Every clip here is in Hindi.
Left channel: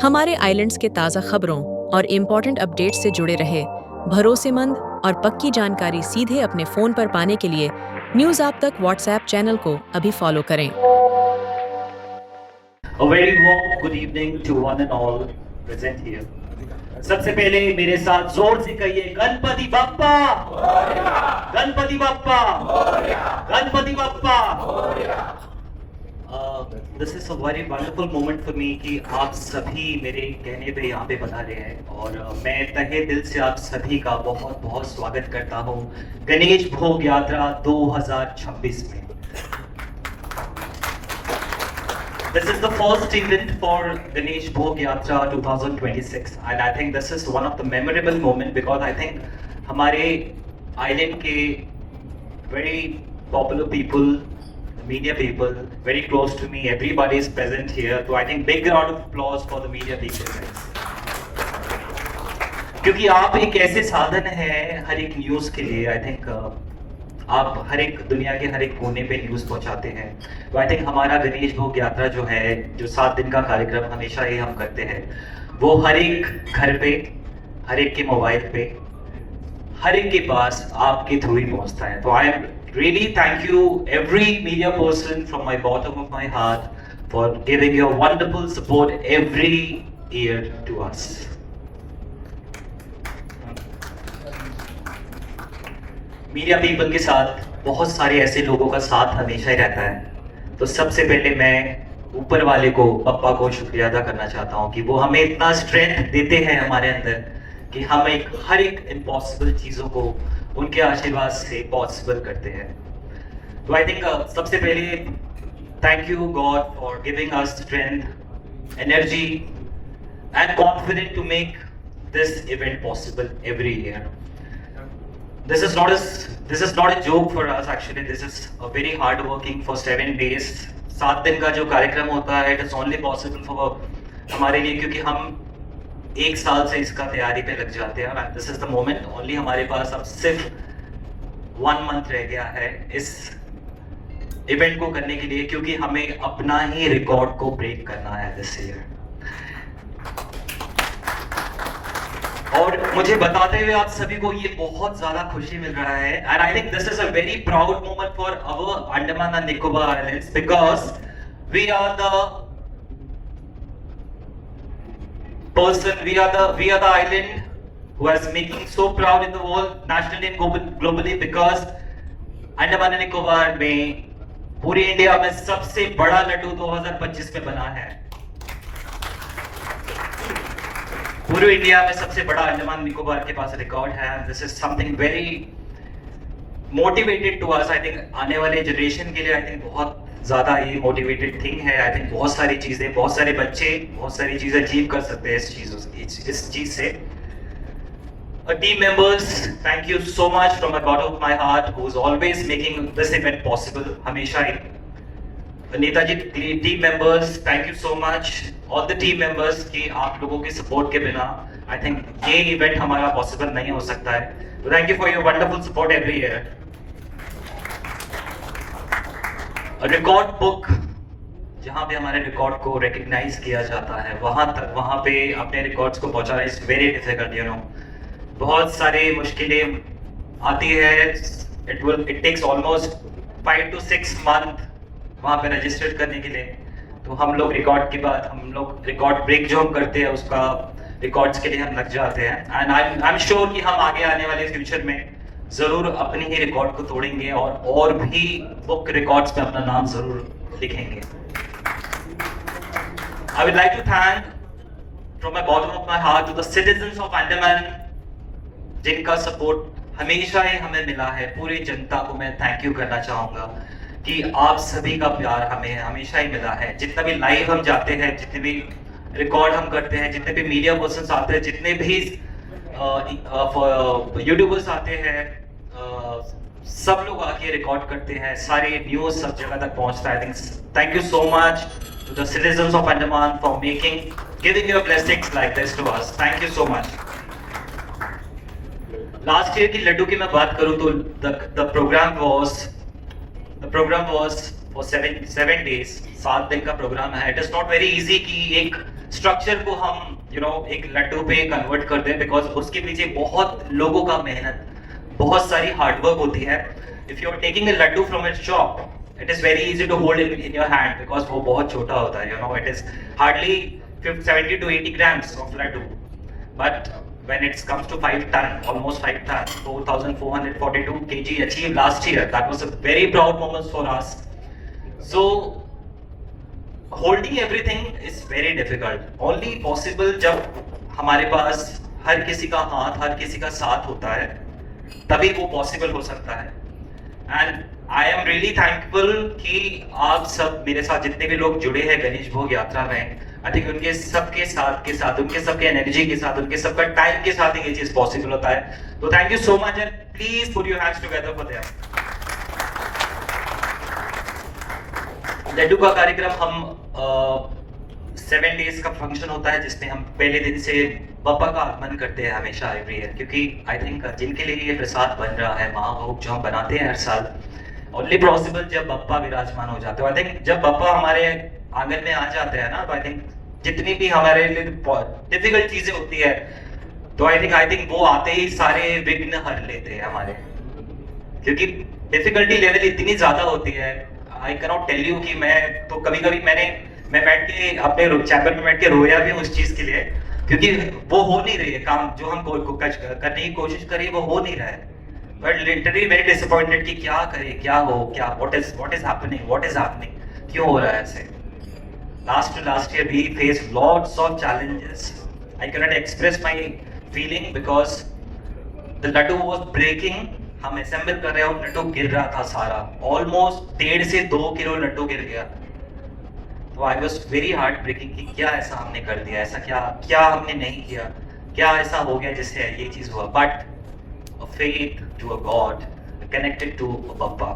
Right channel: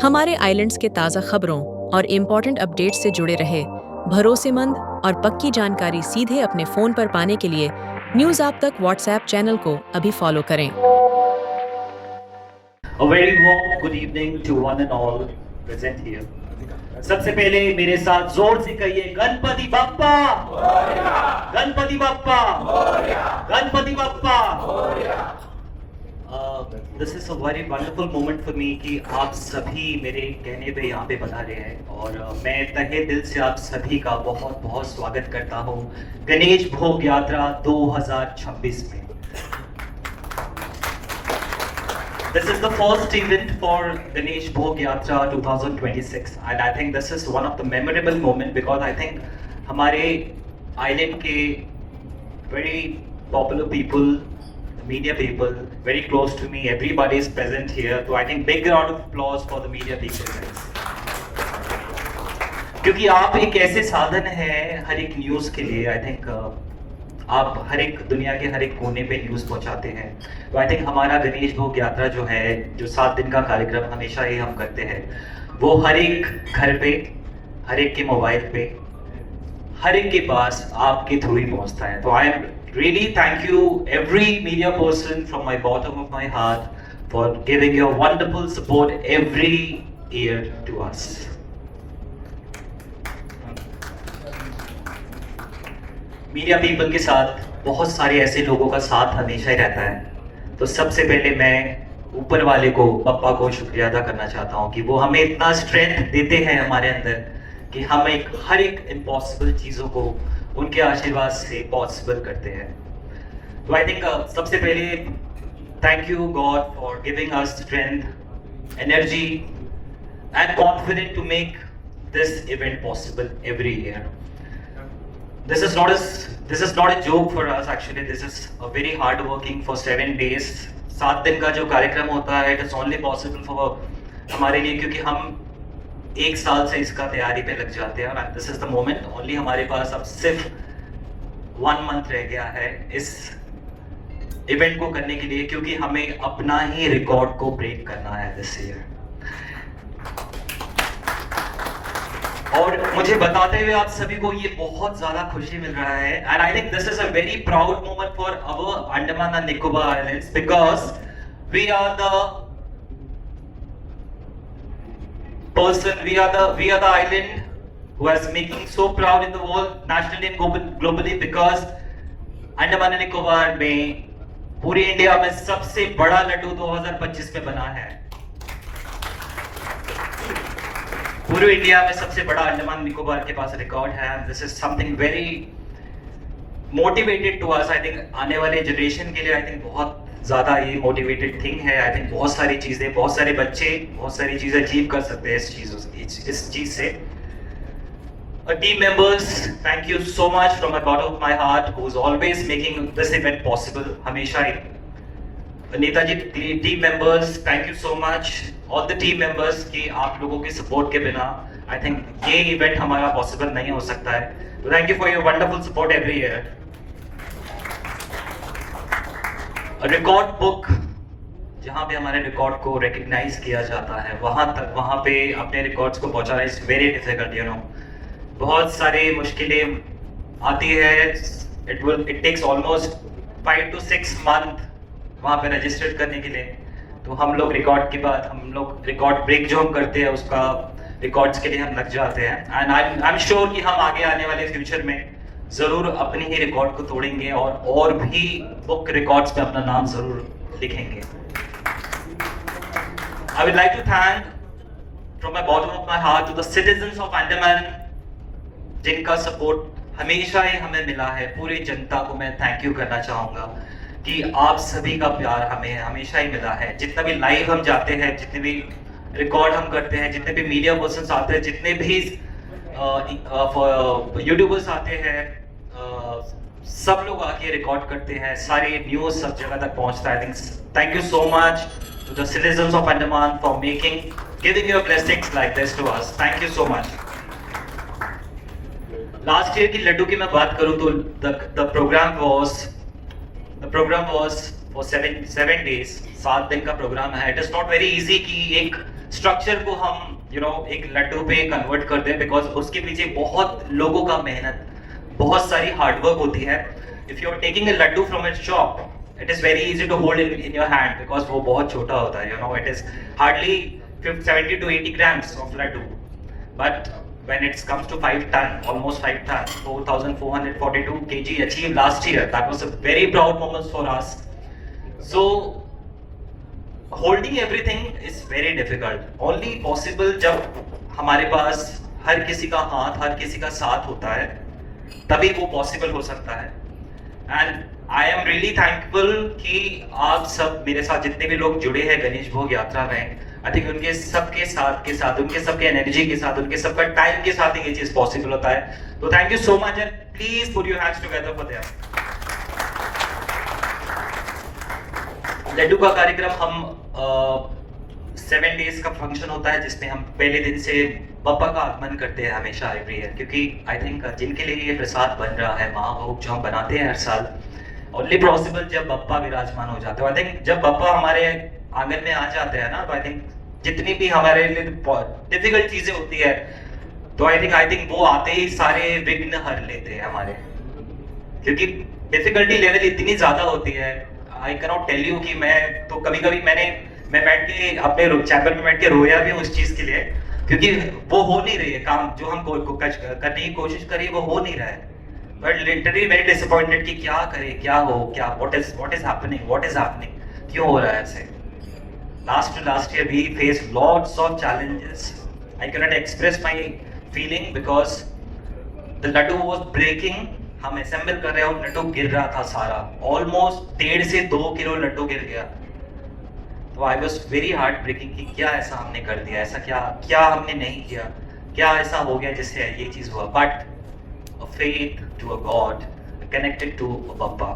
हमारे आइलैंड्स के ताज़ा खबरों और इम्पोर्टेंट अपडेट्स से जुड़े रहे भरोसेमंद और पक्की जानकारी सीधे अपने फ़ोन पर पाने के लिए न्यूज़ आप तक व्हाट्सएप चैनल को अभी फॉलो करें। A very warm good evening to one and all present here. सबसे पहले मेरे साथ जोर से कहिए Ganpati Bappa, Ganpati Bappa, Ganpati Bappa. This is a very wonderful moment for me कि आप सभी मेरे कहने पे यहाँ पे बता रहे हैं और मैं तहे दिल से आप सभी का बहुत बहुत स्वागत करता हूँ गणेश भोग यात्रा 2026 में। This is the first event for Ganesh Bhog Yatra 2026 and I think this is one of the memorable moment because I think हमारे island के very popular people, media people, very close to me, everybody is present here. So I think big round of applause for the media people. क्योंकि आप एक ऐसे साधन हैं हर एक न्यूज़ के लिए, I think आप हर एक दुनिया के हर एक कोने पे न्यूज़ पहुंचाते हैं। तो आई थिंक हमारा गणेश भोग यात्रा जो है, जो 7 दिन का कार्यक्रम हमेशा ही हम करते हैं, वो हर एक घर पे, हर एक के मोबाइल पे, हर एक के पास आपके थ्रू ही पहुंचता है। तो I am really thank you every media person from my bottom of my heart for giving your wonderful support every year to us. Media people के साथ बहुत सारे ऐसे लोगों का साथ हमेशा ही रहता है। तो सबसे पहले मैं ऊपर वाले को, पप्पा को शुक्रिया अदा करना चाहता हूँ कि वो हमें इतना स्ट्रेंथ देते हैं हमारे अंदर कि हम हर एक इम्पॉसिबल चीज़ों को उनके आशीर्वाद से पॉसिबल करते हैं। तो आई थिंक सबसे पहले thank you God for giving us strength, energy and confidence to make this event possible every year. This is not a joke for us actually. This is a very hard working for 7 days. 7 दिन का जो कार्यक्रम होता है, it is only possible for हमारे लिए क्योंकि हम 1 साल से इसका तैयारी पे लग जाते हैं और this is the moment only हमारे पास अब सिर्फ 1 month रह गया है इस इवेंट को करने के लिए क्योंकि हमें अपना ही रिकॉर्ड को ब्रेक करना है दिस ईयर। और मुझे बताते हुए आप सभी को ये बहुत ज्यादा खुशी मिल रहा है and I think this is a very proud moment for our Andaman and Nicobar islands because we are the island who is making so proud in the world nationally and globally because Andaman and Nicobar में पूरे इंडिया में सबसे बड़ा लड्डू 2025 में बना है। पूरे इंडिया में सबसे बड़ा अंडमान निकोबार के पास रिकॉर्ड है। This is something very motivated to us. I think आने वाले जनरेशन के लिए आई थिंक बहुत ज्यादा ये मोटिवेटेड थिंग है। आई थिंक बहुत सारी चीजें, बहुत सारे बच्चे बहुत सारी चीजें अचीव कर सकते हैं इस चीज से। Team members, thank you so much from the bottom of my heart who is always making this event possible. हमेशा Netaji team members, thank you so much all the team members कि आप लोगों के सपोर्ट के बिना आई थिंक ये इवेंट हमारा पॉसिबल नहीं हो सकता है। तो thank you for your wonderful support every year. Record book जहां पे हमारे रिकॉर्ड को रिकॉग्नाइज किया जाता है वहां पे अपने रिकॉर्ड्स को पहुंचाना इज वेरी डिफिकल्ट। बहुत सारी मुश्किलें आती है। It takes almost 5 to 6 month वहां पे रजिस्टर करने के लिए। तो हम लोग रिकॉर्ड के बाद हम लोग रिकॉर्ड ब्रेक जो हम करते हैं उसका रिकॉर्ड्स के लिए हम लग जाते हैं एंड आई एम श्योर कि हम आगे आने वाले फ्यूचर में जरूर अपने ही रिकॉर्ड को तोड़ेंगे और भी बुक रिकॉर्ड्स पे अपना नाम जरूर लिखेंगे। I would like to thank from my bottom of my heart to the citizens of Andaman जिनका सपोर्ट हमेशा ही हमें मिला है। पूरी जनता को मैं थैंक यू करना चाहूंगा कि आप सभी का प्यार हमें हमेशा ही मिला है। जितना भी लाइव हम जाते हैं, जितने भी रिकॉर्ड हम करते हैं, जितने भी मीडिया पर्सन आते हैं, जितने भी यूट्यूबर्स आते हैं, सब लोग आके रिकॉर्ड करते हैं, सारे न्यूज सब जगह तक पहुंचता है। Thank you so much to the citizens of Andaman for giving your blessings like this to us. Thank you so much. Last year की लड्डू की मैं बात करूं तो the program was for 7 days, 7 दिन का प्रोग्राम है। It is not very easy कि एक स्ट्रक्चर को हम एक लड्डू पे कन्वर्ट कर दें, बिकॉज उसके पीछे बहुत लोगों का मेहनत, बहुत सारी हार्डवर्क होती है. If you are taking a laddu from a shop, it is very easy to hold in your hand because वो बहुत छोटा होता है. It is hardly 70 to 80 grams of laddu, but when it comes to 5 ton, almost 5 ton, 4,442 kg achieved last year. That was a very proud moment for us. So holding everything is very difficult. Only possible जब हमारे पास हर किसी का हाथ, हर किसी का साथ होता है, तभी वो पॉसिबल हो सकता है. And I am really thankful कि आप सब मेरे साथ जितने भी लोग जुड़े हैं गणेश भोग यात्रा में, आई थिंक उनके सबके साथ के साथ, उनके सबके एनर्जी के साथ, उनके सबका टाइम के साथ ये चीज पॉसिबल होता है. तो thank you so much and please put your hands together for that. Laddu का कार्यक्रम हम 7 डेज का फंक्शन होता है, जिसमें हम पहले दिन से बप्पा का आगमन करते हैं हमेशा एवरी ईयर, क्योंकि आई थिंक जिनके लिए ये प्रसाद बन रहा है, महाभोग जो हम बनाते हैं हर साल, ओनली पॉसिबल जब बप्पा विराजमान हो जाते हैं. आई थिंक जब बप्पा हमारे आंगन में आ जाते हैं ना, तो आई थिंक जितनी भी हमारे लिए डिफिकल्ट चीजें होती है, तो आई थिंक वो आते ही सारे विघ्न हर लेते हैं हमारे, क्योंकि डिफिकल्टी लेवल इतनी ज्यादा होती है. I can not tell you कि मैं तो कभी कभी मैं बैठ के अपने चैपल में बैठ के रोया भी उस चीज के लिए, क्योंकि वो हो नहीं रही है काम जो हम करने की कोशिश करें, वो हो नहीं रहा है. बट लिटरली वेरी डिसअपॉइंटेड कि क्या करें, क्या हो, क्या व्हाट इज हैपनिंग, क्यों हो रहा है ऐसे. Last year we face lots of challenges. I can not express my feeling because the laddu was breaking. हम असेंबल कर रहे हैं, लड्डू गिर रहा था सारा, ऑलमोस्ट 1.5 से 2 किलो लड्डू गिर गया. तो I was very heart breaking कि क्या ऐसा हमने कर दिया, ऐसा क्या हमने नहीं किया, क्या ऐसा हो गया जिससे ये चीज हुआ. But a faith to a God, connected to a Bappa,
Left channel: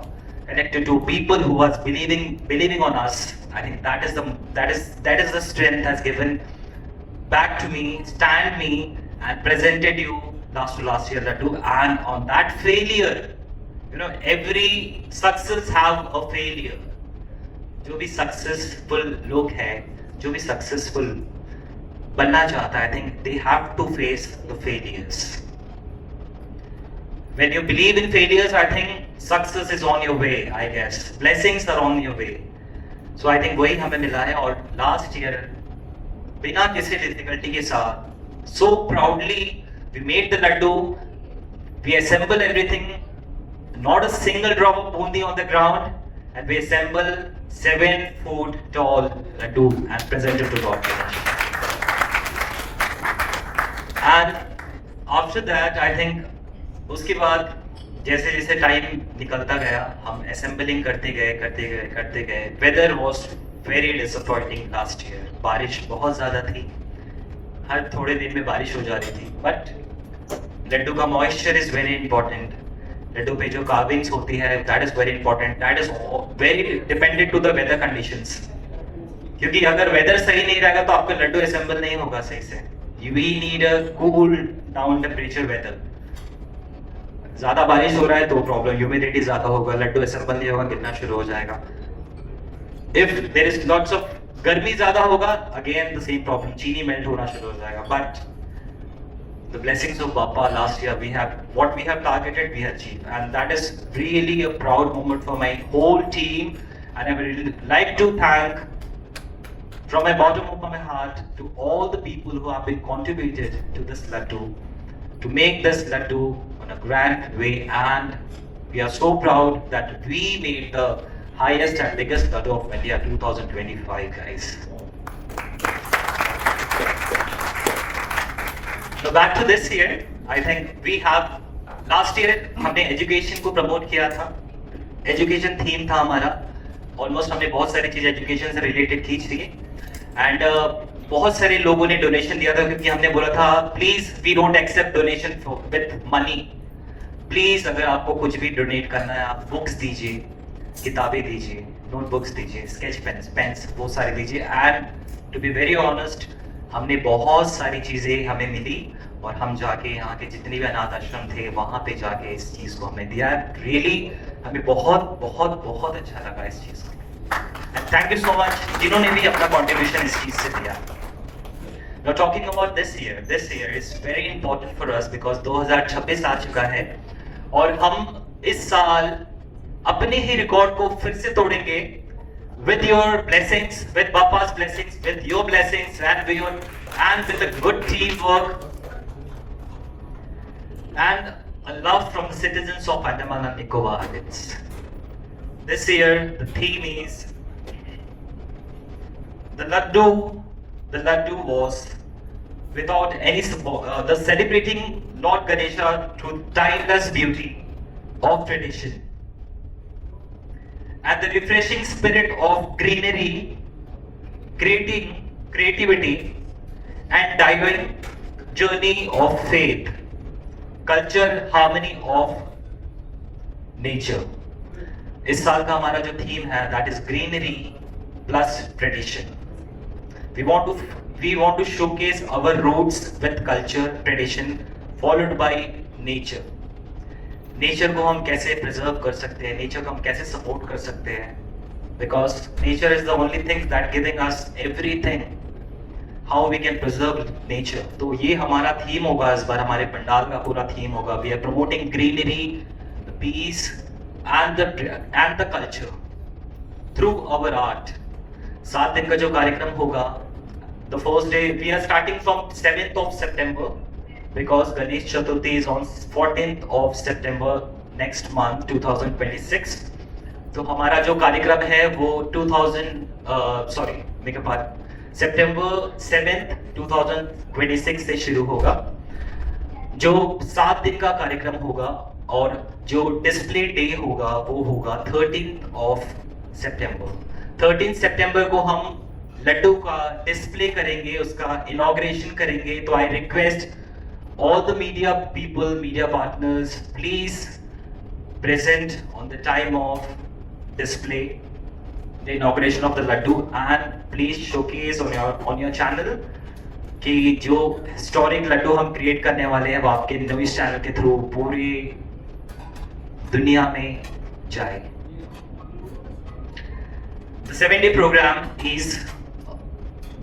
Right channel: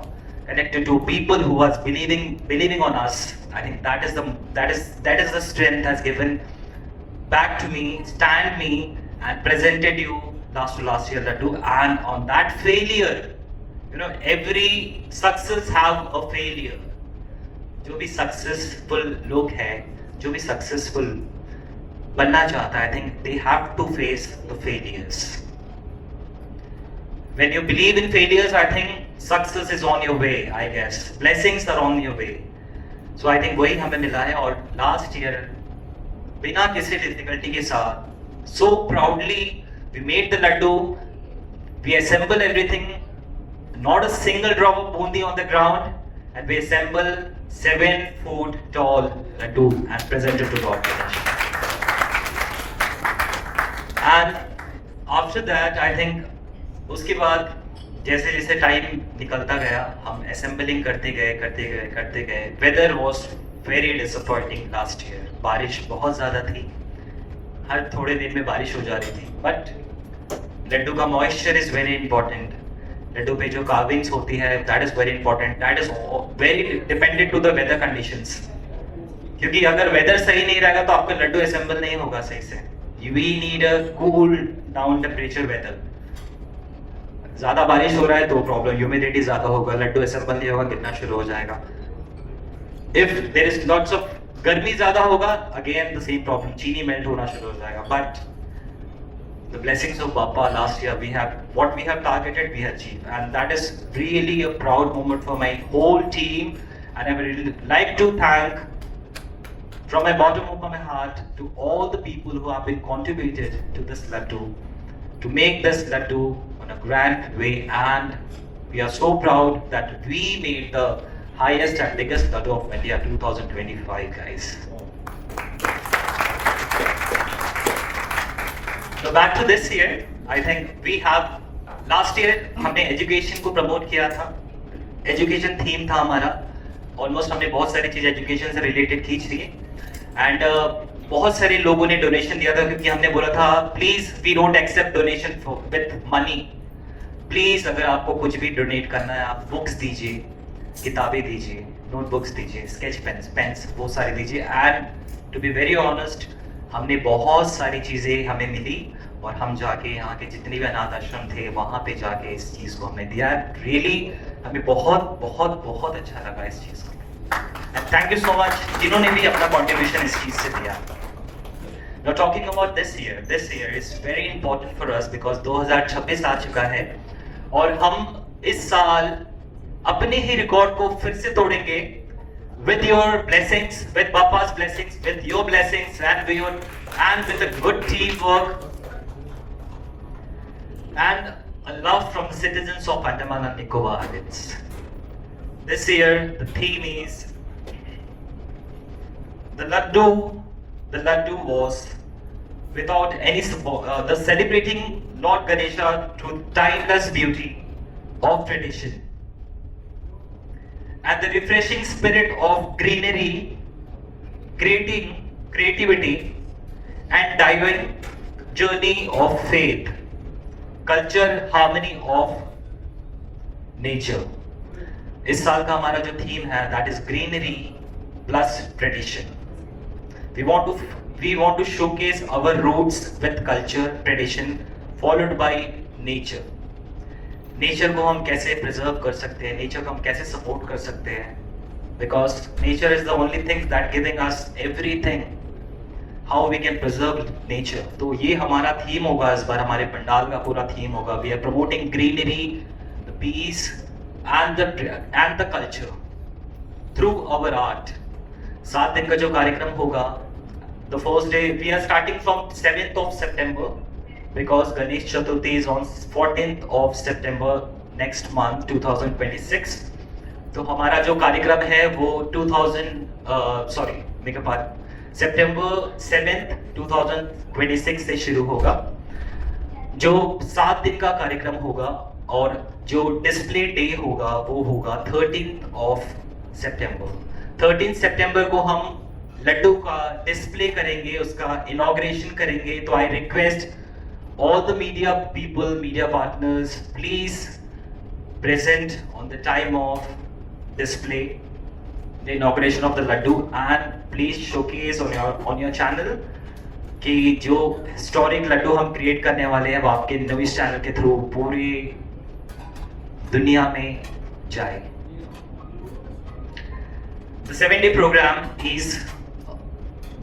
connected to people who was believing on us. I think that is the strength has given back to me, stand me, and presented you last year Laddu. And on that failure, every success have a failure. जो भी सक्सेसफुल लोग हैं, जो भी सक्सेसफुल बनना चाहता है, I think they have to face the failures. When you believe in failures, I think success is on your way, I guess. Blessings are on your way. So I think वही हमें मिला है. और last year बिना किसी डिफिकल्टी के साथ, so proudly we made the laddu, we assemble everything, not a single drop of bundi on the ground, and we assemble 7 foot tall laddu and presented to Lord Ganesh. And after that, I think उसके बाद जैसे जैसे टाइम निकलता गया, हम असेंबलिंग करते गए. Weather was very disappointing last year. बारिश बहुत ज्यादा थी, हर थोड़े दिन में बारिश हो जा रही थी. बट लड्डू का moisture is very important. Laddu पे जो कार्विंग्स होती है, that is very important. That is very dependent to the weather conditions, क्योंकि अगर वेदर सही नहीं रहेगा तो आपका लड्डू असेंबल नहीं होगा सही से. You will need a cool down temperature weather. ज्यादा बारिश हो रहा है तो प्रॉब्लम, ह्यूमिडिटी ज्यादा होगा, लड्डू असेंबल नहीं होगा, गिरना शुरू हो जाएगा. If there is lots of गर्मी ज्यादा होगा, अगेन द सेम प्रॉब्लम, चीनी मेल्ट होना शुरू हो जाएगा. But the blessings of Bappa last year, we have what we have targeted, we achieve, and that is really a proud moment for my whole team. And I would really like to thank from my bottom of my heart to all the people who have been contributed to this laddu, to make this laddu on a grand way. And we are so proud that we made the highest and biggest laddu of India 2025, guys. So back to this year, I think we have, last year हमने education को promote किया था. Education theme था हमारा. Almost हमने बहुत सारी चीज education से related खींच ली. एंड बहुत सारे लोगों ने डोनेशन दिया था, क्योंकि हमने बोला था please we don't accept donation with money. Please अगर आपको कुछ भी डोनेट करना है, आप बुक्स दीजिए, किताबें दीजिए, नोटबुक्स दीजिए, स्केच पेन्स वो सारे दीजिए. And to be very honest, हमने बहुत सारी चीजें हमें मिली, और हम जाके यहाँ के जितने भी अनाथ आश्रम थे वहां पे जाके इस चीज को हमने दिया. रियली हमें बहुत बहुत बहुत अच्छा लगा इस चीज को. थैंक यू सो मच जिन्होंने भी अपना कॉन्ट्रीब्यूशन इस चीज से दिया. Now talking about this year is very important for us because 2026 आ चुका है और हम इस साल अपने ही रिकॉर्ड को फिर से तोड़ेंगे with your blessings, with Bapa's blessings, with your blessings and with a good teamwork and a love from the citizens of Andaman and Nicobar Islands. This year the theme is the Laddu was without any support, the celebrating Lord Ganesha through timeless beauty of tradition and the refreshing spirit of greenery, creativity and divine journey of faith, culture, harmony of nature. इस साल का हमारा जो थीम है that is greenery plus tradition. We want to showcase our roots with culture, tradition, followed by nature. Nature को हम कैसे प्रिजर्व कर सकते हैं, नेचर को हम कैसे सपोर्ट कर सकते हैं, because nature is the only thing that giving us everything. How we can preserve nature. तो ये हमारा थीम होगा इस बार, हमारे पंडाल का पूरा थीम होगा. We are promoting greenery, peace and the culture through our art. 7 दिन का जो कार्यक्रम होगा, the first day we are starting from 7th of September because Ganesh Chaturthi is on 14th of September next month 2026. तो हमारा जो कार्यक्रम है वो September 7th 2026 से शुरू होगा, जो 7 दिन का कार्यक्रम होगा. और जो डिस्प्ले डे होगा वो होगा 13th of September. 13th September को हम लड्डू का डिस्प्ले करेंगे, उसका इनॉग्रेशन करेंगे. तो I request all the media people, media partners, please present on the time of display, the inauguration of the laddu, and please showcase on your channel कि जो historic laddu हम create करने वाले हैं वो आपके न्यूज़ चैनल के थ्रू पूरी दुनिया में जाए. The 7-day program is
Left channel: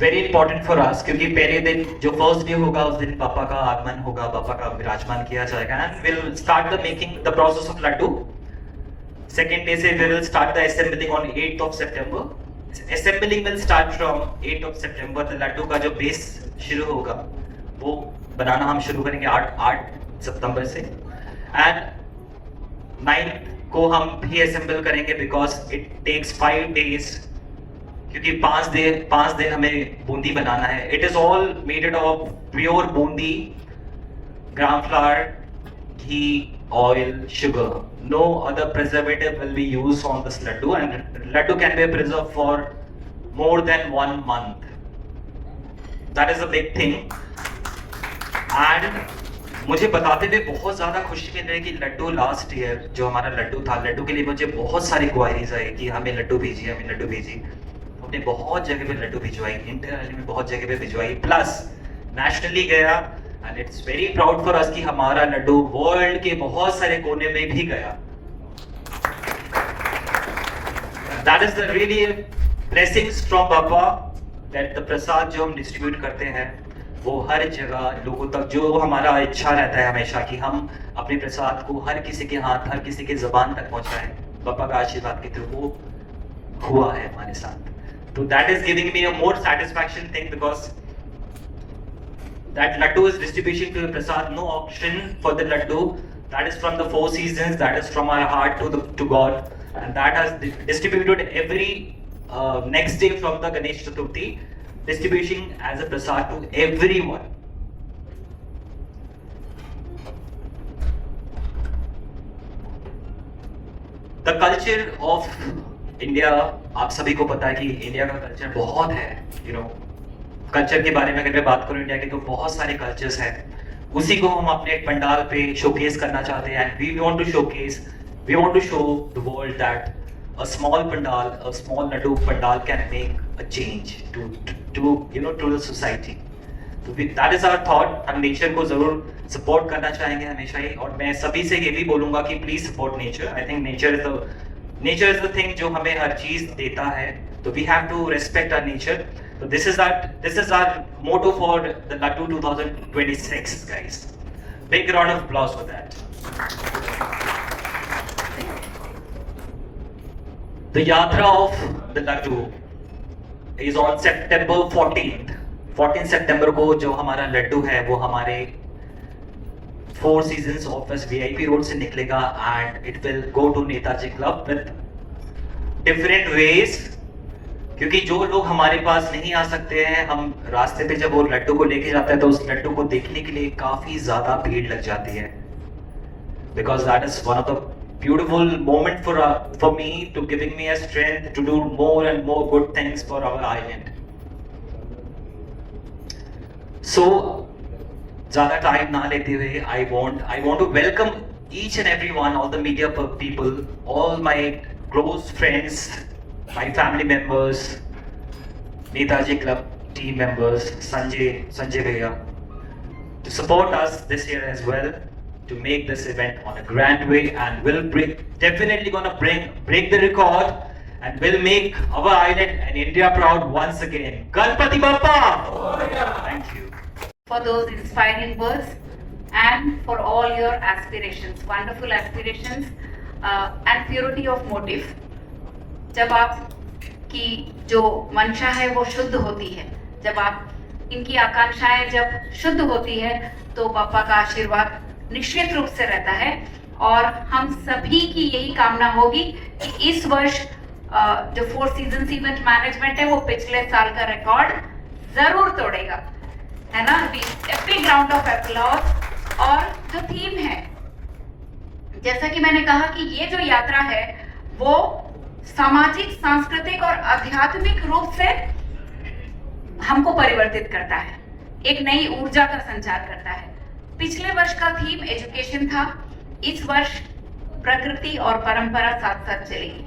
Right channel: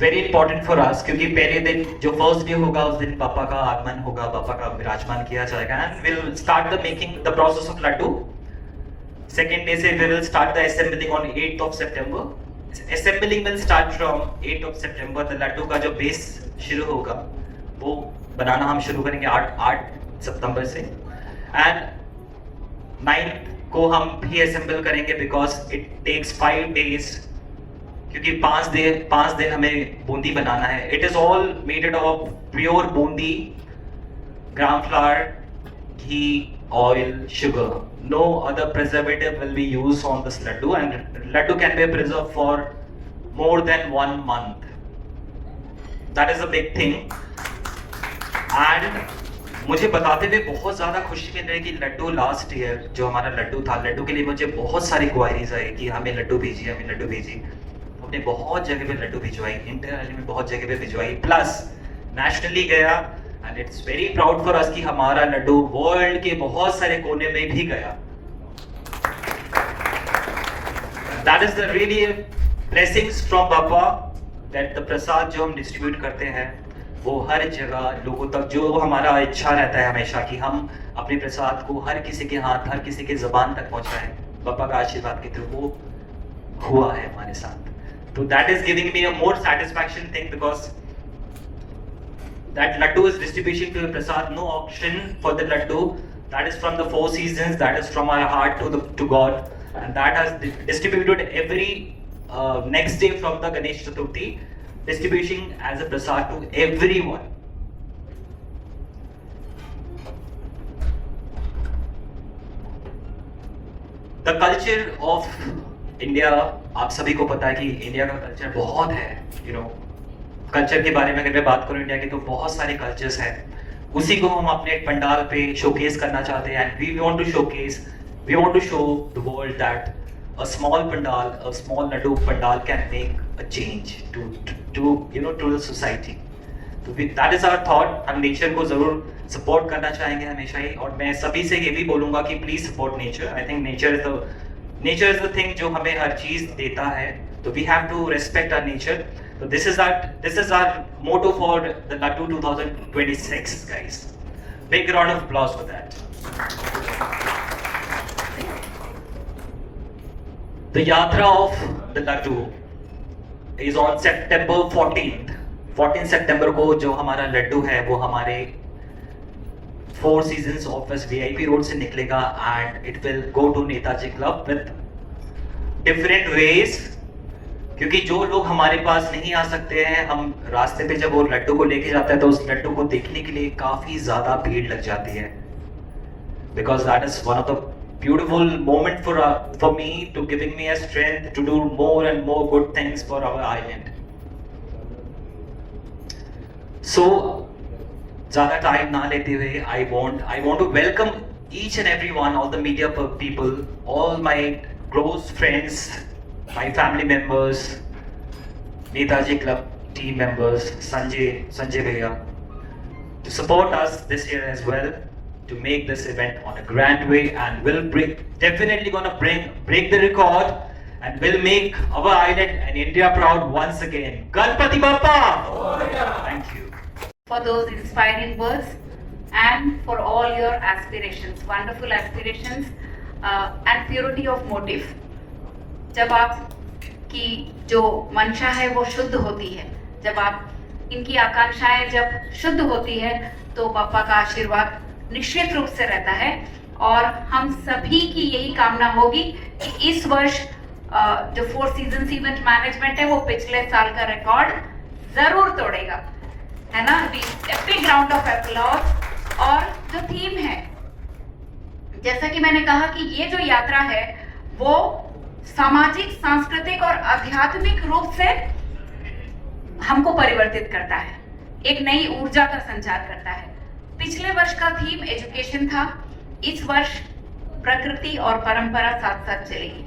very important for us, क्योंकि पहले दिन जो फर्स्ट डे होगा उस दिन पापा का आगमन होगा, पापा का विराजमान किया जाएगा. And will start the making the process of laddu. Second day से will start the assembling on 8th of September. Assembling will start from 8th of September. The laddu का जो बेस शुरू होगा वो बनाना हम शुरू करेंगे 8 सितंबर से. एंड 9th को हम भी असेंबल करेंगे बिकॉज इट टेक्स 5 days, क्योंकि 5 दिन हमें बूंदी बनाना है. It is all made of pure boondi, gram flour, ghee, oil, sugar. No other preservative will be used on this laddu and laddu can be preserve for more than 1 month. That is a big thing. And मुझे बताते हुए बहुत ज्यादा खुशी मिल रही है कि लड्डू लास्ट ईयर जो हमारा लड्डू था, लड्डू के लिए मुझे बहुत सारी क्वारीज आई कि हमें लड्डू भेजिए, हमें लड्डू भेजिए. हमने बहुत जगह पे लड्डू भिजवाई, इंटरनली में बहुत जगह पे भिजवाई, प्लस नेशनली गया. And it's very proud for us कि हमारा लड्डू वर्ल्ड के बहुत सारे कोने में भी गया. That is the really blessings from Baba, that the prasad जो हम डिस्ट्रीब्यूट करते हैं वो हर जगह लोगों तक, जो हमारा इच्छा रहता है हमेशा कि हम अपने प्रसाद को हर किसी के हाथ, हर किसी के जबान तक पहुंचाएं. बाबा का आशीर्वाद के थ्रू वो हुआ है हमारे साथ. So that is giving me a more satisfaction thing because that laddu is distribution to the prasad, no auction for the laddu. That is from the 4 seasons. That is from our heart to God, and that has distributed every next day from the Ganesh Chaturthi, distribution as a prasad to everyone. The culture of India, आप सभी को पता है कि इंडिया का कल्चर बहुत है. कल्चर के बारे में अगर मैं बात करूं इंडिया के, तो बहुत सारे कल्चर्स हैं. उसी को हम अपने पंडाल पे शोकेस करना चाहते हैं. We want to show the world that a small pandal, a small laddu pandal can make a change to the society. तो that is our thought. हम नेचर को जरूर सपोर्ट करना चाहेंगे हमेशा ही. और मैं सभी से ये भी बोलूंगा कि please support nature. I think nature is the thing जो हमें हर चीज देता है. तो we have to respect our nature. So this is our motto for the Laddu 2026, guys. Big round of applause for that. The Yatra of the Laddu is on September 14th. 14 September को जो हमारा लड्डू है वो हमारे Four Seasons office VIP road से निकलेगा and it will go to Netaji club with different ways. क्योंकि जो लोग हमारे पास नहीं आ सकते हैं, हम रास्ते पे जब वो लड्डू को लेके जाते हैं तो उस लड्डू को देखने के लिए काफी ज्यादा भीड़ लग जाती है. Because that is one of the beautiful moment for me to giving me a strength to do more and more good things for our island. So ज़्यादा टाइम ना लेते हुए I want to welcome each and every one, all the media people, all my close friends, my family members, Netaji Club team members, Sanjay Bhaiya, to support us this year as well, to make this event on a grand way, and we'll definitely gonna break the record, and we'll make our island and India proud once again. Ganpati Bappa! Thank you. For those inspiring words and for all your aspirations, wonderful aspirations and purity of motive. जब आपकी जो मंशा है वो शुद्ध होती है, जब आप इनकी आकांक्षाएं जब शुद्ध होती है तो बापा का आशीर्वाद निश्चित रूप से रहता है. और हम सभी की यही कामना होगी कि इस वर्ष जो फोर सीजन इवेंट मैनेजमेंट है वो पिछले साल का रिकॉर्ड जरूर तोड़ेगा, है ना. Big round of applause. और जो थीम है, जैसा कि मैंने कहा कि ये जो यात्रा है वो सामाजिक, सांस्कृतिक और आध्यात्मिक रूप से हमको परिवर्तित करता है, एक नई ऊर्जा का संचार करता है. पिछले वर्ष का थीम एजुकेशन था, इस वर्ष प्रकृति और परंपरा साथ साथ चलेगी.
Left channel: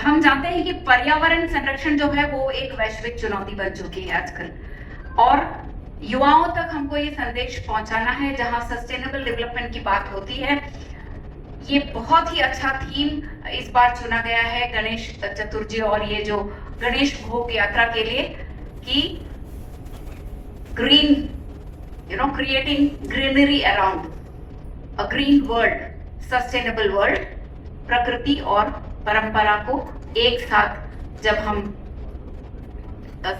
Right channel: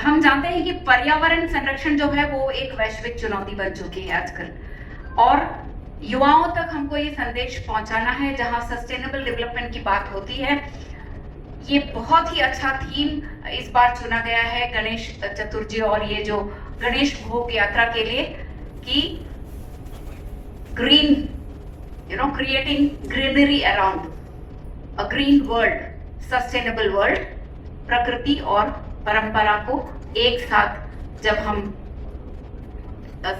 हम जानते हैं कि पर्यावरण संरक्षण जो है वो एक वैश्विक चुनौती बन चुकी है आजकल, और युवाओं तक हमको ये संदेश पहुंचाना है. जहां सस्टेनेबल डेवलपमेंट की बात होती है, ये बहुत ही अच्छा थीम इस बार चुना गया है गणेश चतुर्थी और ये जो गणेश भोग यात्रा के लिए, कि ग्रीन, क्रिएटिंग ग्रीनरी अराउंड अ ग्रीन वर्ल्ड, सस्टेनेबल वर्ल्ड. प्रकृति और परंपरा को एक साथ जब हम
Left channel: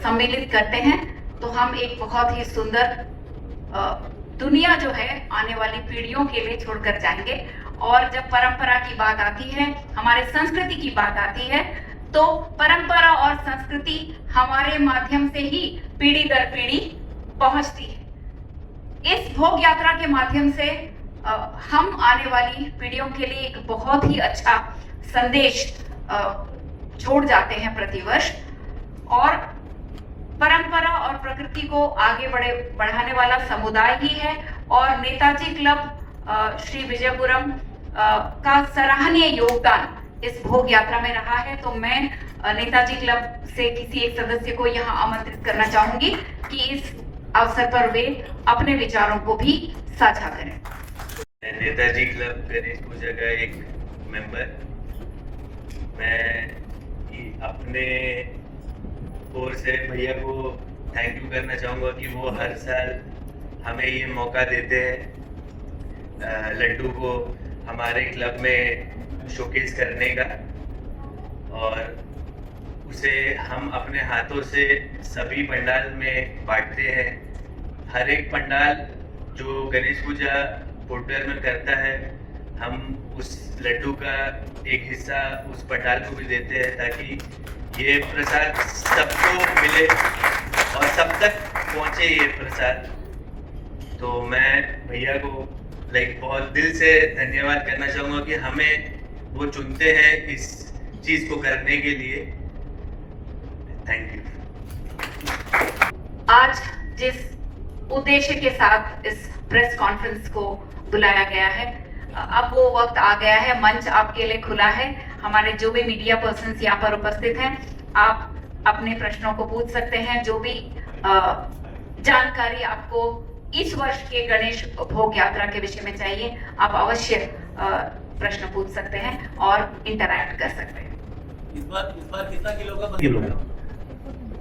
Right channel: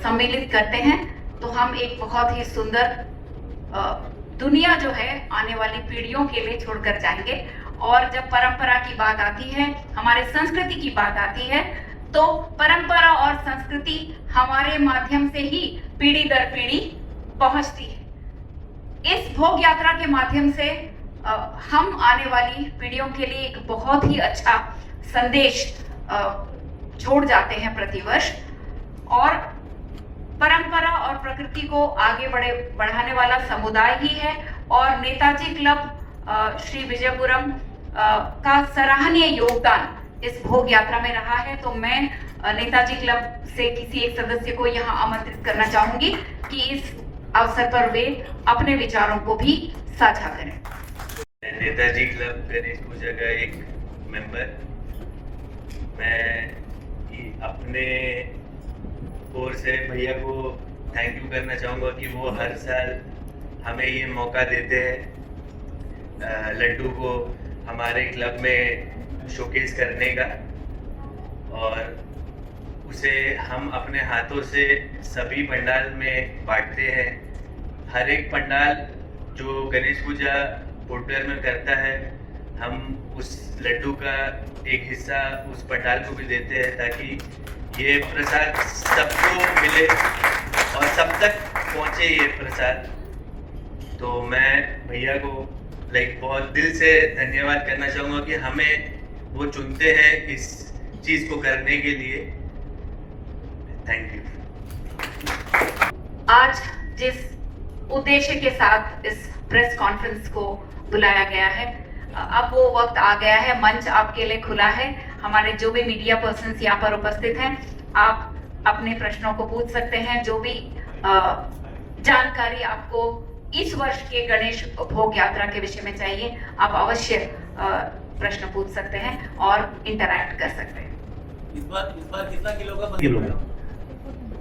सम्मिलित करते हैं तो हम एक बहुत ही सुंदर दुनिया जो है आने वाली पीढ़ियों के लिए छोड़कर जाएंगे. और जब परंपरा की बात आती है, हमारे संस्कृति की बात आती है, तो परंपरा और संस्कृति हमारे माध्यम से ही पीढ़ी दर पीढ़ी पहुंचती है. इस भोग यात्रा के माध्यम से हम आने वाली पीढ़ियों के लिए एक बहुत ही अच्छा संदेश छोड़ जाते हैं प्रतिवर्ष. और परंपरा और प्रकृति को आगे बढ़ाने वाला समुदाय ही है. और नेताजी क्लब श्री विजयपुरम का सराहनीय योगदान इस भोग यात्रा में रहा है. तो मैं नेताजी क्लब से किसी एक सदस्य को यहाँ आमंत्रित करना चाहूंगी कि इस अवसर पर वे अपने विचारों को भी साझा करें. नेताजी क्लब गणेश पूजा का एक मेंबर, मैं अपने ओर से भैया को थैंक यू करना चाहूँगा कि वो हर साल हमें ये मौका देते हैं लड्डू को हमारे क्लब में शोकेस करने का, और उसे हम अपने हाथों से सभी पंडाल में बांटते हैं. हर एक पंडाल जो गणेश पूजा पोर्टल करता है, हम उस लड्डू का एक हिस्सा उस पंडाल को भी देते हैं ताकि ये प्रसाद सबको मिले और सब तक पहुंचे ये प्रसाद. तो मैं भैया को बहुत दिल से धन्यवाद करना चाहूँगा कि हमें वो चुनते हैं इस चीज को करने के लिए. Thank you. आज जिस उद्देश्य के साथ इस प्रेस कॉन्फ्रेंस को बुलाया गया है, अब वो वक्त आ गया है, मंच आपके लिए खुला है. हमारे जो भी मीडिया पर्सन्स यहाँ पर उपस्थित हैं, आप अपने प्रश्नों को पूछ सकते हैं. जो भी जानकारी आपको इस वर्ष के गणेश भोग यात्रा के विषय में चाहिए, आप अवश्य प्रश्न पूछ सकते हैं और इंटरैक्ट कर सकते हैं. इस बार कितना किलो का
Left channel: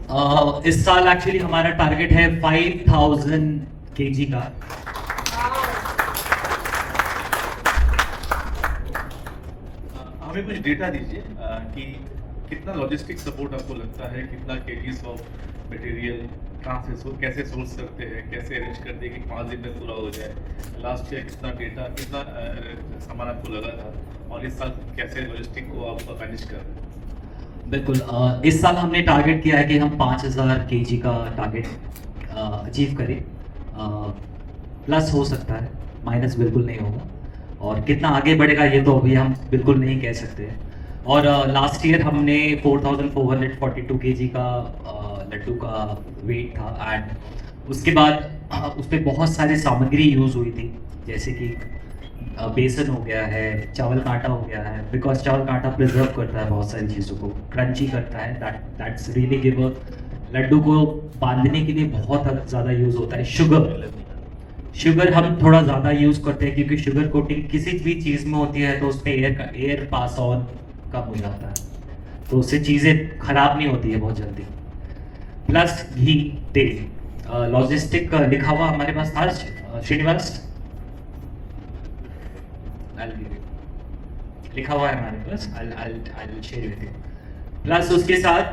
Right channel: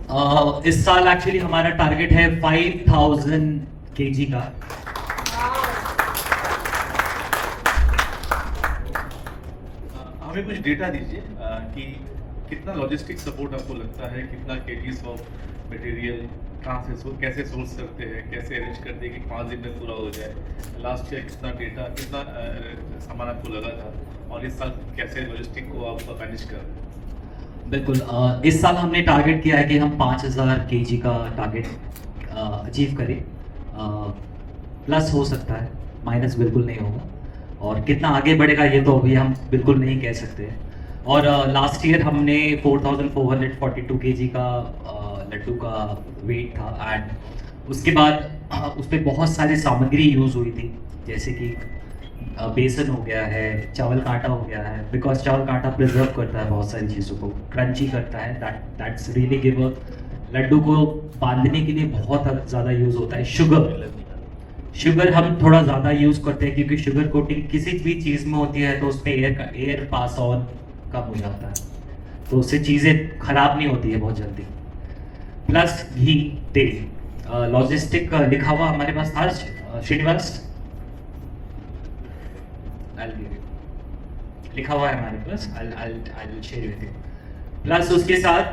इस साल एक्चुअली हमारा टारगेट है 5000 केजी का। हमें कुछ डेटा दीजिए कि कितना लॉजिस्टिक सपोर्ट आपको लगता है, कितना केजीज ऑफ मटेरियल कहाँ से कैसे सोर्स करते हैं, कैसे अरेंज करते हैं कि 5 दिन में पूरा हो जाए। लास्ट ईयर कितना डेटा कितना सामान आपको लगा था और इस साल कैसे लॉजिस्टिक को आप मैनेज कर रहे हैं? बिल्कुल, इस साल हमने टारगेट किया है कि हम 5000 केजी का टारगेट अचीव करें। प्लस हो सकता है, माइनस बिल्कुल नहीं होगा। और कितना आगे बढ़ेगा ये तो अभी हम बिल्कुल नहीं कह सकते हैं। और लास्ट ईयर हमने 4442 केजी का लड्डू का वेट था। एंड उसके बाद उस पर बहुत सारी सामग्री यूज़ हुई थी, जैसे कि बेसन हो गया है, चावल का आटा हो गया है, बिकॉज चावल का आटा प्रिजर्व करता है बहुत सारी चीज़ों को, क्रंची करता है। दैट्स रियली गिव लड्डू को बांधने के लिए बहुत ज़्यादा यूज़ होता है। शुगर हम थोड़ा ज़्यादा यूज़ करते हैं क्योंकि शुगर कोटिंग किसी भी चीज़ में होती है तो उसमें एयर पास ऑन कम हो जाता है, तो उससे चीज़ें खराब नहीं होती है बहुत जल्दी। प्लस घी, तेल, लॉजिस्टिक लिखा हुआ हमारे पास था श्रीनिवास, लिखा हुआ है हमारे पास। I'll share with you। Plus उसके साथ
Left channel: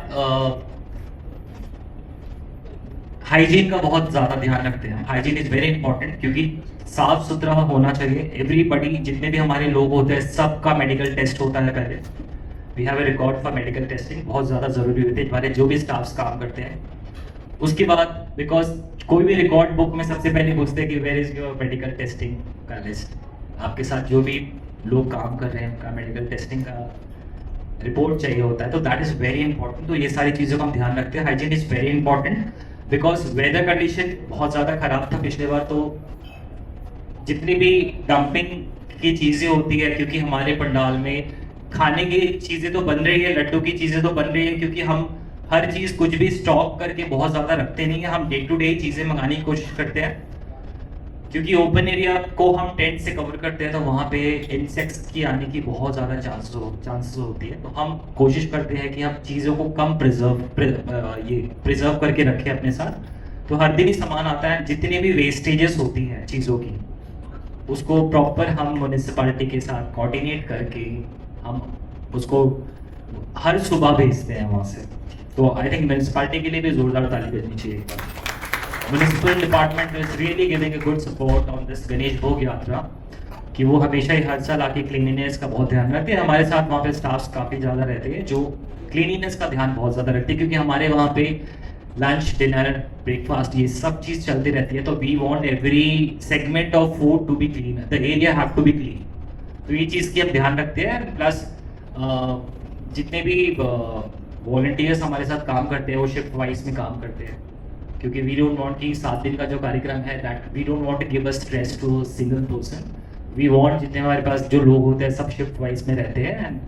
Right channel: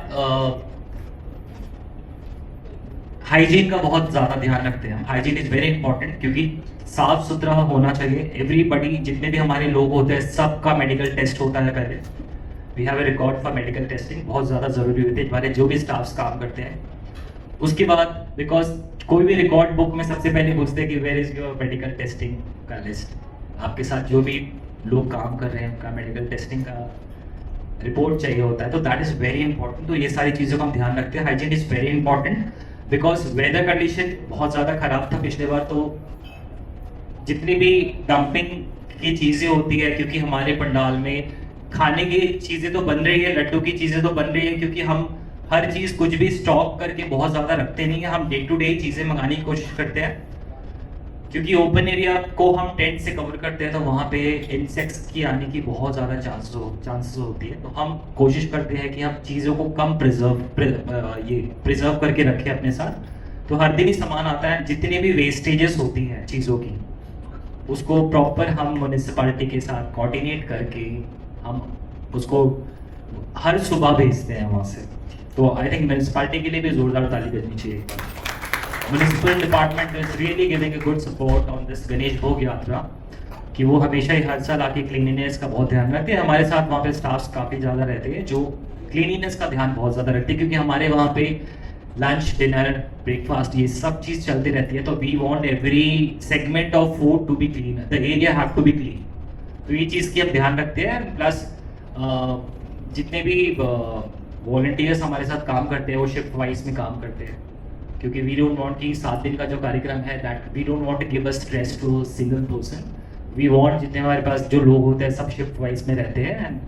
हाइजीन का बहुत ज्यादा ध्यान रखते हैं। हाइजीन इज वेरी इंपॉर्टेंट क्योंकि साफ सुथरा होना चाहिए। एवरीबडी, जितने भी हमारे लोग होते हैं, सबका मेडिकल टेस्ट होता है पहले। We have a record for medical testing, बहुत ज्यादा जरूरी होती है हमारे जो भी स्टाफ्स काम करते हैं। उसके बाद बिकॉज कोई भी रिकॉर्ड बुक में सबसे पहले पूछते हैं कि where is your medical testing का लिस्ट। आपके साथ जो भी लोग काम कर रहे हैं उनका मेडिकल टेस्टिंग का रिपोर्ट चाहिए होता है, तो दैट इज वेरी इंपॉर्टेंट। तो ये सारी चीज़ों का हम ध्यान रखते हैं। Hygiene is very important because weather condition बहुत ज़्यादा खराब था पिछले बार, तो जितनी भी डंपिंग की चीज़ें होती है, क्योंकि हमारे पंडाल में खाने की चीज़ें तो बन रही है, लड्डू की चीज़ें तो बन रही है, क्योंकि हम हर चीज़ कुछ भी स्टॉक करके बहुत ज़्यादा रखते नहीं है। हम डे टू डे चीज़ें मंगाने की कोशिश करते हैं, क्योंकि ओपन एरिया को हम टेंट से कवर करते हैं तो वहाँ पे इंसेक्ट्स की आने की बहुत ज़्यादा चांसेस होती है। तो हम कोशिश करते हैं कि हम चीज़ों को कम प्रिजर्व करके रखें अपने साथ। तो हर दिन ही सामान आता है, जितनी भी वेस्टेजेस होती हैं चीज़ों की, उसको प्रॉपर हम म्यूनिसिपैलिटी के साथ कोऑर्डिनेट करके हम उसको हर सुबह भेजते हैं वहाँ से। तो आई थिंक म्यूनिसिपैलिटी के लिए भी जोरदार ताली बजनी चाहिए। Municipal department is really giving a good support on this Ganesh भोग यात्रा, कि वो हमेशा ही हर साल आके क्लीनिनेस का बहुत ध्यान रखते हैं। हमारे साथ वहाँ पे स्टाफ्स काफ़ी ज़्यादा रहते हैं जो क्लीनिनेस का ध्यान बहुत ज़्यादा रखते हैं, क्योंकि हमारे वहाँ पे लंच, डिनर, ब्रेकफास्ट ये सब चीज़ चलती रहती है। तो we want every segment of food to be clean, the area have to be clean. तो ये चीज़ की हम ध्यान रखते हैं। प्लस जितने भी वॉलंटियर्स हमारे साथ काम करते हैं वो शिफ्ट वाइज में काम करते हैं, क्योंकि वी डोंट वांट कि 7 दिन का जो कार्यक्रम है that we don't want to give a stress to single person. We want जितने हमारे पास जो लोग होते हैं सब शिफ्ट वाइज में रहते हैं, and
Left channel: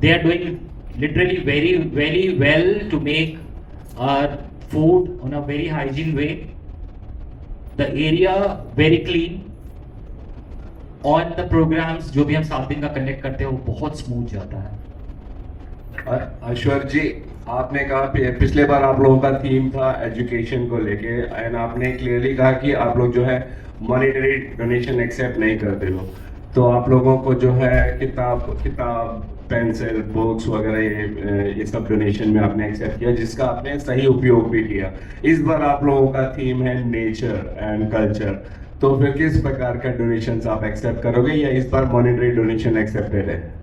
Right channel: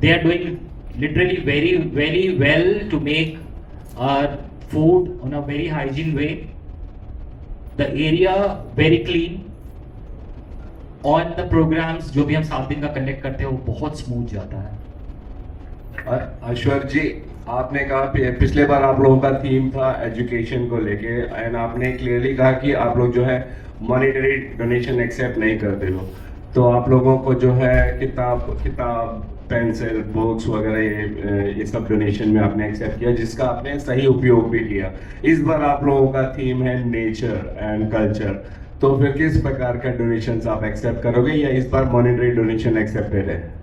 they are doing literally very very well to make our food on a very hygiene way, the area very clean. On the programs जो भी हम 7 दिन का कंडक्ट करते हैं वो बहुत स्मूथ जाता है। अश्वर जी, आपने कहा पिछले बार आप लोगों का थीम था एजुकेशन को लेके, एंड आपने क्लियरली कहा कि आप लोग जो है मॉनिटरी डोनेशन एक्सेप्ट नहीं करते हो, तो आप लोगों को जो है किताब पेंसिल, बुक्स वगैरह ये सब डोनेशन में आपने एक्सेप्ट किया, जिसका आपने सही उपयोग भी किया। इस बार आप लोगों का थीम है नेचर एंड कल्चर, तो फिर किस प्रकार का डोनेशन आप एक्सेप्ट करोगे, या इस बार मॉनिटरी डोनेशन एक्सेप्टेड है?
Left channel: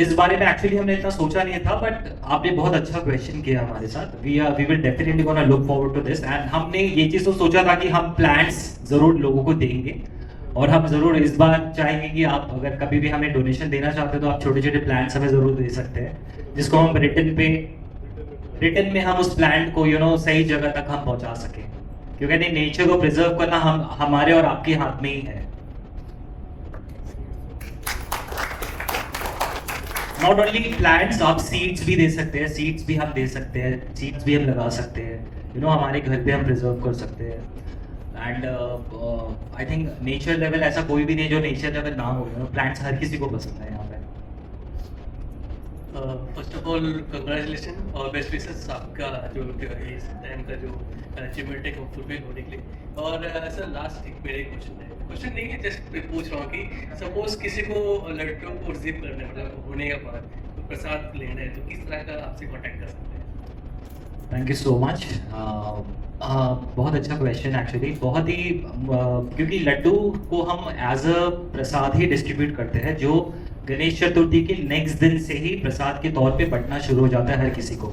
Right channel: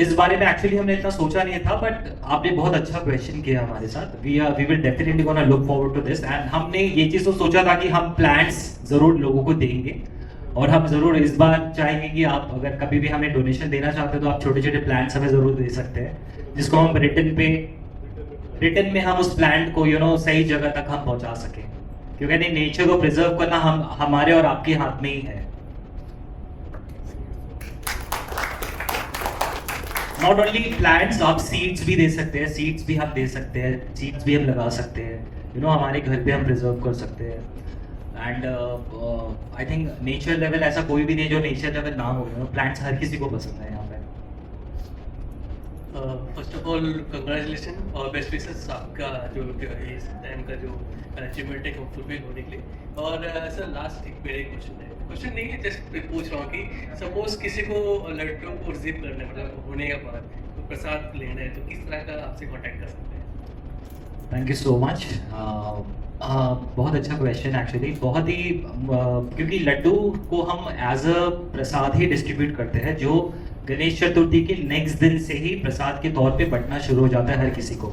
इस बारे में एक्चुअली हमने इतना सोचा नहीं था, बट आपने बहुत अच्छा क्वेश्चन किया हमारे साथ। We will definitely gonna look forward to this, and हमने ये चीज़ तो सोचा था कि हम प्लान्स जरूर लोगों को देंगे, और हम जरूर इस बार चाहेंगे कि आप अगर कभी भी हमें डोनेशन देना चाहते हैं तो आप छोटे छोटे प्लान्स हमें जरूर दे सकते हैं, जिसको हम रिटर्न में हम उस प्लान को सही जगह तक हम पहुंचा सकें, क्योंकि नेचर को प्रिजर्व करना हमारे और आपके हाथ में ही है। नॉट ओनली प्लांट्स, आप सीड्स भी दे सकते हैं, सीड्स भी हम दे सकते हैं, सीड्स भी हम लगा सकते हैं, हमारे घर पे हम प्रिजर्व कर सकते हैं। And I think nature level ऐसा कोई भी नहीं जो नेचर लेवल ना हो, प्लांट्स हर किसी को पसंद है यहाँ पे। फर्स्ट ऑफ ऑल कंग्रेचुलेशन और बेस्ट विशेस आपका जो इस टाइम का जो अचीवमेंट है वो फुलफिल होने के लिए। और सर लास्ट एक मेरा क्वेश्चन नहीं है, जस्ट पूछ रहा हूँ कि सपोज किसी को लड़कियों को रिसीव करना मतलब होने के बाद प्रसाद लेना है तो किस तरह का आपसे कॉन्टैक्ट कर सकते हैं? Thank you so much. बहुत अच्छा क्वेश्चन एक्चुअली, बहुत ही क्योंकि लड्डू को हम as a Prasad he distribute करते हैं जो गणेश चतुर्थी के नेक्स्ट दिन से ही प्रसाद के तौर पे बंटना शुरू हो जाता है हर किसी को।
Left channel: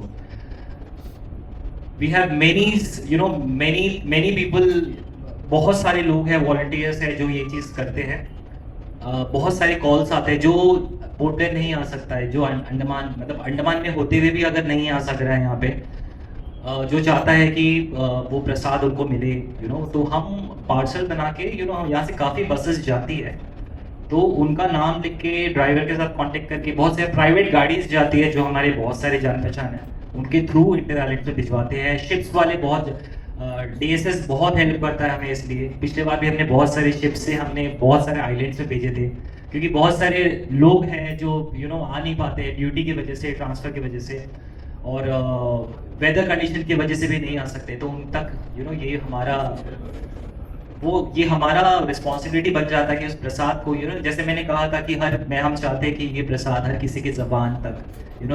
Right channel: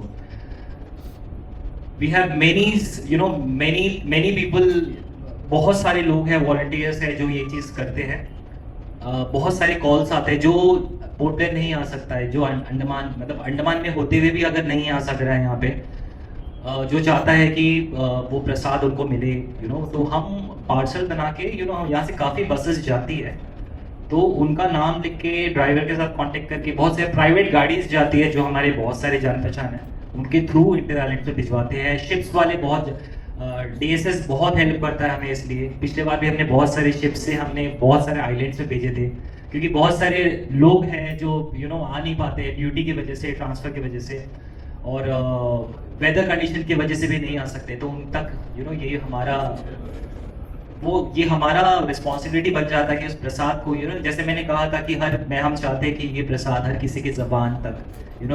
वी हैव मेनी पीपल, बहुत सारे लोग हैं, वॉलंटियर्स हैं जो ये चीज करते हैं। बहुत सारे कॉल्स आते हैं जो पोर्ट ब्लेयर नहीं आ सकता है, जो अंडमान मतलब अंडमान में होते हुए भी अगर नहीं आ सक रहा है यहाँ पे, जो चाहता है कि वो प्रसाद उनको मिले, तो हम पार्सल बना के हम यहाँ से काफी बसेस जाती है तो उनका नाम लिख के ड्राइवर के साथ कांटेक्ट करके, बहुत सारे प्राइवेट गाड़ीज जाती है जो हमारे बहुत सारे जान पहचान है उनके थ्रू इंडिया आइलैंड पे भिजवाते हैं। शिप्स वाले बहुत डीएसएस बहुत हेल्प करता है हमें, इसलिए पिछले बार भी हमने बहुत सारे शिप्स से हमने बहुत सारे आइलैंड्स पे भेजे थे क्योंकि बहुत सारे लोग हैं जो आ नहीं पाते ड्यूटी की वजह से, ट्रांसफर की वजह से और वेदर कंडीशन की वजह से भी नहीं आ सकते, तो उन तक ये हमारा रिस्पॉन्सिबिलिटी बन जाता है कि उस प्रसाद को जैसे मैंने कहा था कि हम चाहते हैं कि ये प्रसाद हर किसी की जबान तक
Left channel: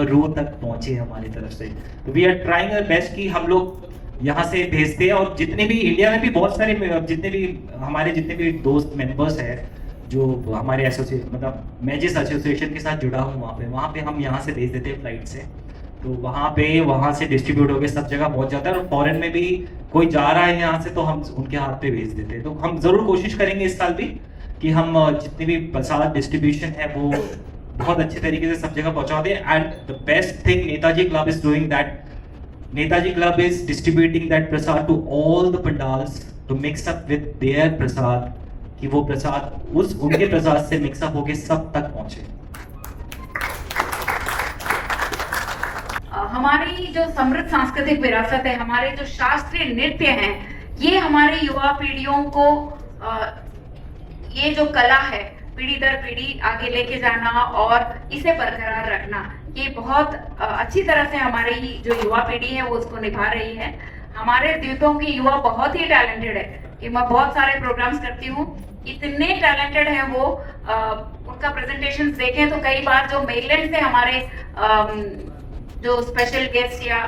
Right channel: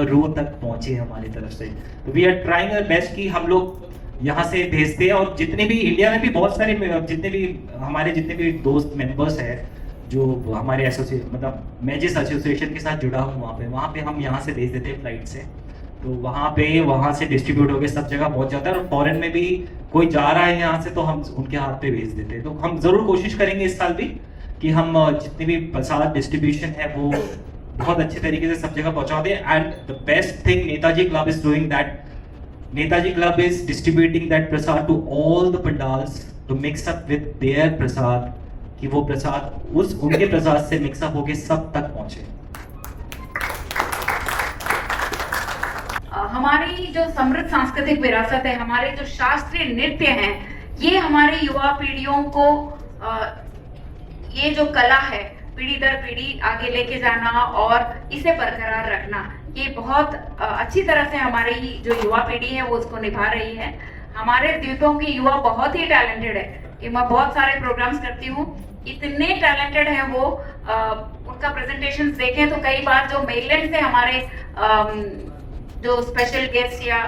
रूह तक पहुंचे हमारी तरफ से। तो we are trying our best कि हम लोग यहाँ से भेजते हैं और जितने भी इंडिया में भी बहुत सारे जितने भी दोस्त मेंबर्स हैं जो हमारे मतलब मैं जिस एसोसिएशन के साथ जुड़ा हूँ वहाँ पे हम यहाँ से भेज देते हैं फ्लाइट से, तो वहाँ से डिस्ट्रीब्यूट होकर सब जगह पहुंच जाता है। और फॉरेन में भी कोई जा रहा है यहाँ से तो हम उनके हाथ पे भेज देते हैं। तो हम जरूर कोशिश करेंगे इस साल भी कि हम जितनी भी प्रसाद डिस्ट्रीब्यूशन है वो बहुत अच्छे तरीके से सब जगह पहुंचा दें। And the best thing Netaji club is doing that, Netaji club is distributing that prasad to all the pandals to mix up with their prasad, कि वो प्रसाद उनके प्रसाद से मिक्सअप होके सब तक पहुंचे। हमारी जो समृद्ध सांस्कृतिक विरासत है, हमारे जो शास्त्रीय नृत्य हैं, ये हमारे युवा पीढ़ियों को ये जो कला है पीढ़ी दर पीढ़ी आगे लेके जाना और इसे बरकरार रखना, ये बहुत अच्छी तरह से हमारी जो युवा पीढ़ी है वो उसको निभा रही है। हमारे द्वीपों के युवा बहुत ही टैलेंटेड है कि मैं बहुत सारे प्रोग्राम्स करती हूँ, इतने टैलेंटेड है वो, उनका प्रेजेंटेशन देखें तो कई बार जो मेनलैंड से हमारे जो स्पेशल गेस्ट या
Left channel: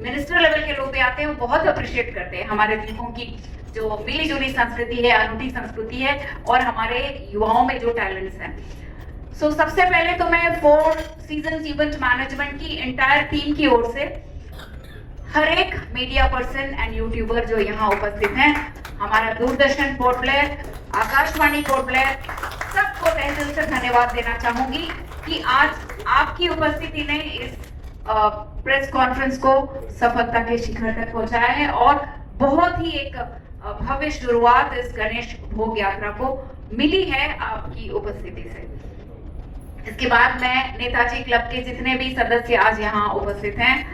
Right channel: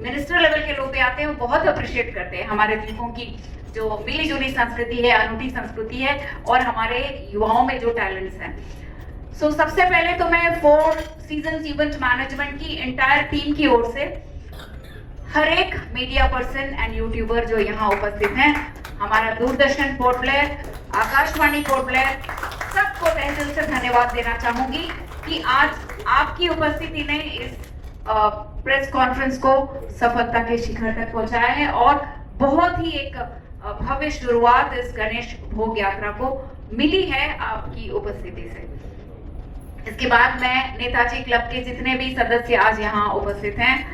मिनिस्टर लेवल के लोग भी आते हैं वो बहुत अप्रिशिएट करते हैं हमारे द्वीपों की जो मिली जुली संस्कृति है, अनूठी संस्कृति है और हमारे युवाओं में जो टैलेंट्स हैं। सो सबसे पहले तो मैं 4 सीजन इवेंट मैनेजमेंट की एंटायर टीम की ओर से हर एक मीडिया पर्सन एंड यूट्यूबर जो यहाँ उपस्थित हैं, हमारा Doordarshan port Blair, Akashvani port Blair, सबको तहे दिल से धन्यवाद देना चाहूंगी कि आज आपकी उपस्थिति ने इस प्रेस कॉन्फ्रेंस को सफलता के शिखर तक पहुंचाया है और बहुत ही एक भव्य शुरुआत इस गणेश भोग यात्रा को मिली है आपकी उपस्थिति से। इसके बाद मैं नेताजी क्लब के जितने भी सदस्य आज यहाँ उपस्थित हैं,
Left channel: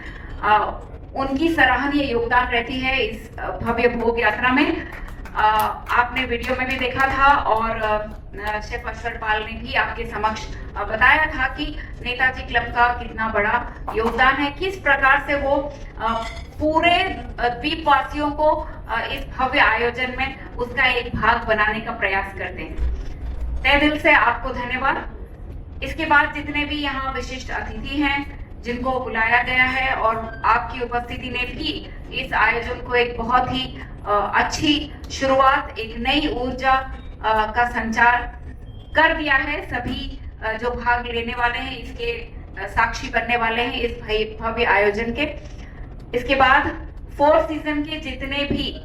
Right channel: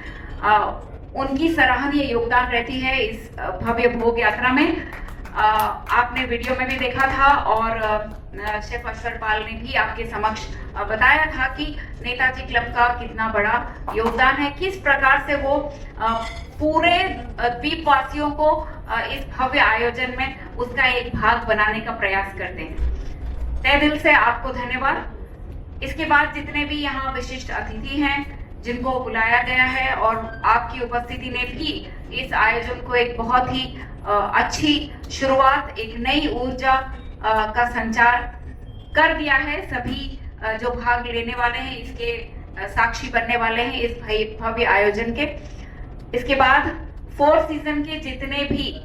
उनकी सराहनीय योगदान रहती है इस भव्य भोग यात्रा में। आपने वीडियो में भी देखा था और शेफ अशर पाल ने भी आपके समक्ष बताया था कि नेताजी क्लब का कितना बड़ा योगदान है, किस प्रकार से वो पूरे द्वीपवासियों को इस भव्य आयोजन में उसका एक भाग बनाने का प्रयास करते हैं। तहे दिल से आपको धन्यवाद। इसके बाद जितने भी यहाँ विशिष्ट अतिथि हैं जिनको बुलाया गया है और आपकी उपस्थिति ने भी इस आयोजन को एक बहुत ही अच्छी शुरुआत, एक नई ऊर्जा का संचार कर दिया है। सभी जो भाग लेने वाले हैं इसके साक्षी बनने वाले हैं इस भव्य आयोजन के। इसके बाद 4 सीजन के जितने भी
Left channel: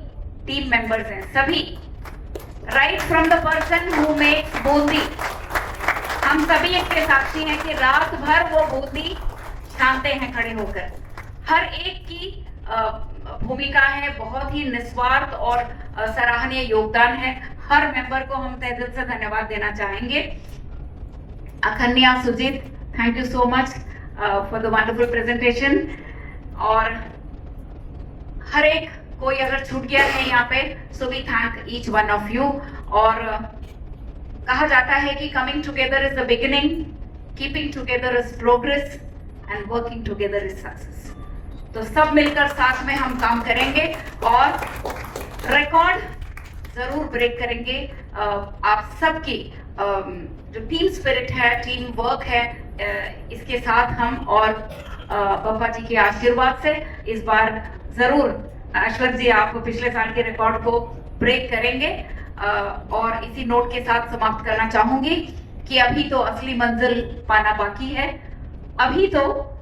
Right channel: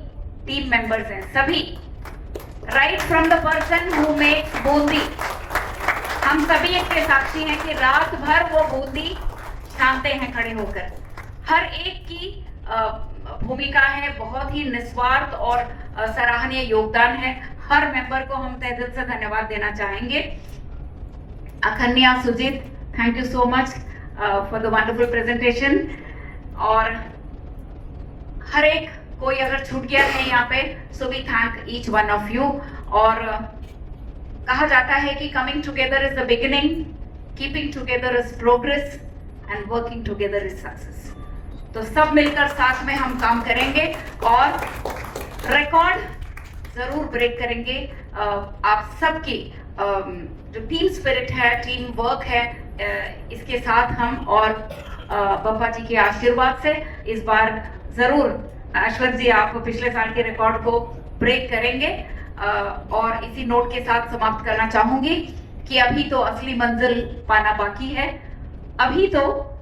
टीम मेंबर्स हैं, सभी right from the person who makes Bundi, हम सभी इसके साक्षी हैं कि रात भर वो बूंदी छानते हैं खड़े होकर। हर एक की भूमिका है, बहुत ही निस्वार्थ और सराहनीय योगदान है। हर मेंबर को हम तहे दिल से धन्यवाद देना चाहेंगे। Akhanya, Sujeet, thank you so much for the wonderful presentation. और हर एक कोई अगर छूट गया है यहाँ पे, so we thank each one of you. और कहा जाता है कि coming together is the beginning keeping together is progress and working together is success. तो सब मिलकर साथ में हम काम करेंगे और रिकॉर्ड जरूर ब्रेक करेंगे। आप सबकी जो टीम स्पिरिट है, टीम वर्क है, इसके साथ हम और बाबा जी के आशीर्वाद से इस बार जरूर ऐश्वर्य जी आप पिछले साल के रिकॉर्ड को ब्रेक करेंगे। और इसी नोट के साथ समाप्त करना चाहूंगी कि अभी तो असली मंजिल पाना बाकी है, अभी तो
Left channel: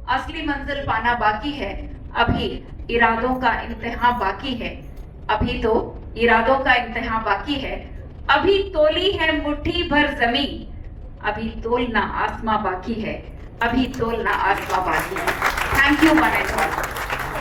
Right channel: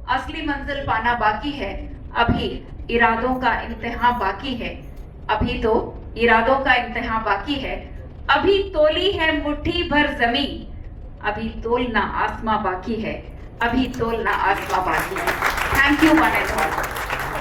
असली मंजिल पाना बाकी है, अभी इरादों का इम्तिहान बाकी है, अभी तो इरादों का इम्तिहान बाकी है, अभी तोली है मुट्ठी भर जमीन, अभी तोलना आसमां बाकी है, अभी तोलना आसमां बाकी है। Thank you one and all.